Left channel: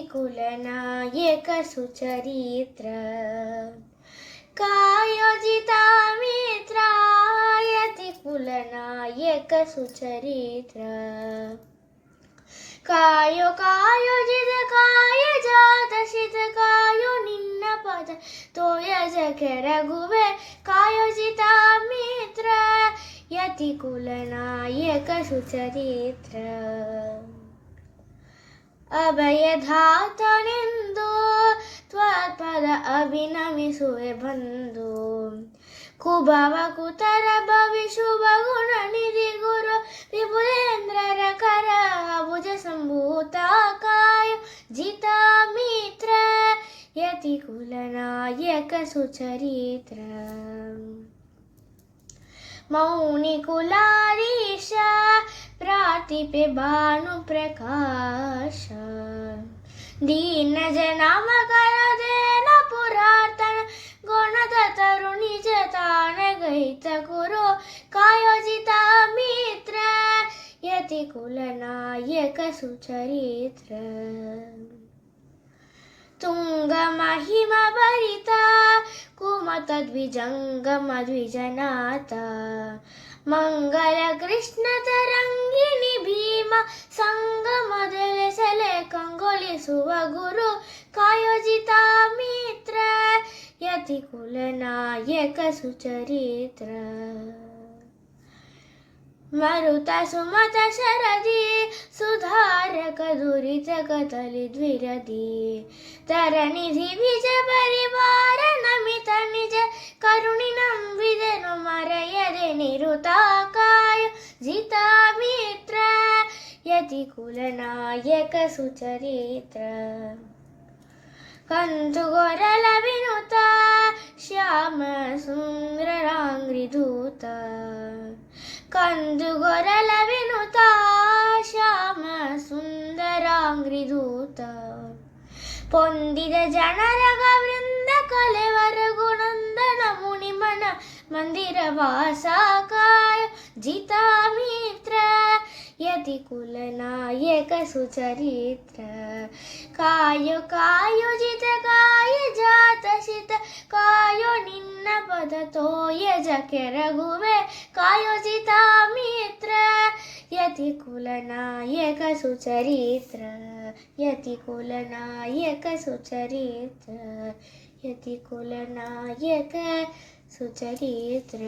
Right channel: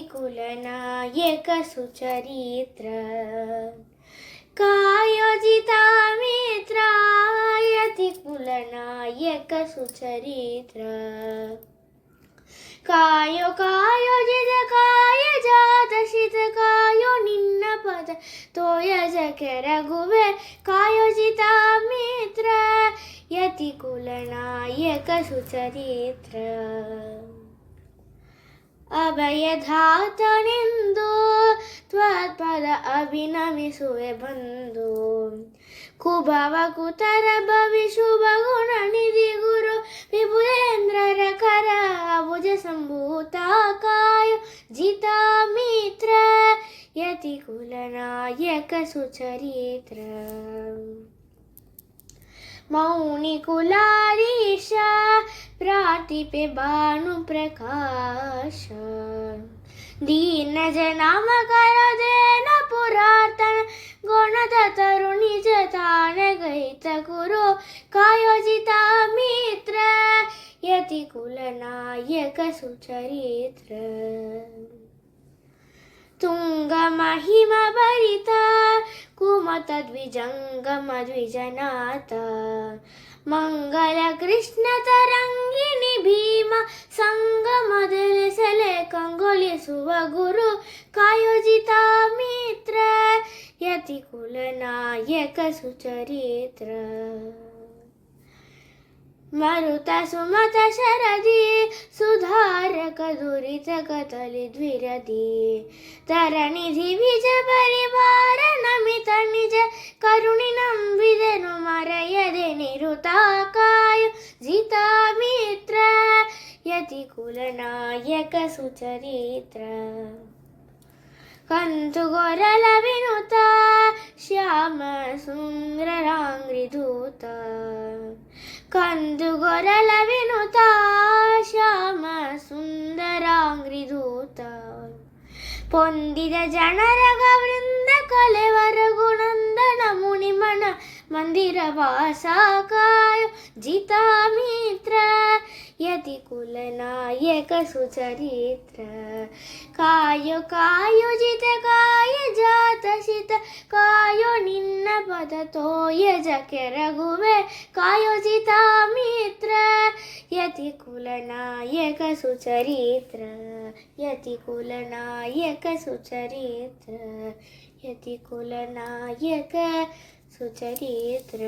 यतिकुलनायक सुचरित्र कायोजिता मित्र यतिकुलनायक सुचरित्र कायो कायोजित काय जात सित कायो निन्न पद तोय जके रघुवे कायोजिता मित्र यतिकुलनायक सुचरित्र अभयधातनिंदु त्वत्पद अभिनमिसुवे बंधु कुभव कुतर भवि शुभ गुण निधि गुरु विपुलेन्द्र रकर भुज संभूता काय जिता मित्र यतिकुलनायक सुचरित्र मौनि कुलाधीश प्रातिपे भानु प्रकाश दीन जनाम कर देन पुरातन गुणद तरुणी जतान गहित कुरु कायोजिता मित्र यतिकुलनायक सुचरित्र तुंग महिमा भरिता कुमत द्विजंगम द्विजनाथ मंगल कृष्ण तरंगिणी भीम संगम दले कंगोली सुव गुरु कायोजिता मित्र यतिकुलनायक सुचरित्र मरुता सुमत शरदी सुधारक दुरित कतली द्विरदी तरनिधि विज परिवार नमित निज करुणि नंविदेनु मरयदे निरुताकाय जिता मित्र यतिकुलनायक सुचरित्र कंतु गोरल विनुत श्याम सुंदरांग्रिधूत कंदु गोरल विनुत श्याम सुंदरांग्रिधूत ಪೊಂದಿದ ಜನರಗ ವೃಂದ ಕಲೆವರ ಗುಣಂದನ ಮುನಿಮನ ಮಂದಿರ ವಾಸಾಕಾಯ ಜಿತಾ ಮಿತ್ರ ಯತಿಕುಲನಾಯಕ ಸುಚರಿತ್ರ ಕಾಯೋ ಕಾಯೋಜಿತ ಕಾಯ ಜಾತ ಸಿತ ಕಾಯೋ ನಿನ್ನ ಪದ ತೋಯ ಜಕೆ ರಘುವೆ ಕಾಯೋಜಿತ ಮಿತ್ರ यतिकुलनायक सुचरित्र यतिकुलनायक सुचरित्र यतिकुलनायक सुचरित्र।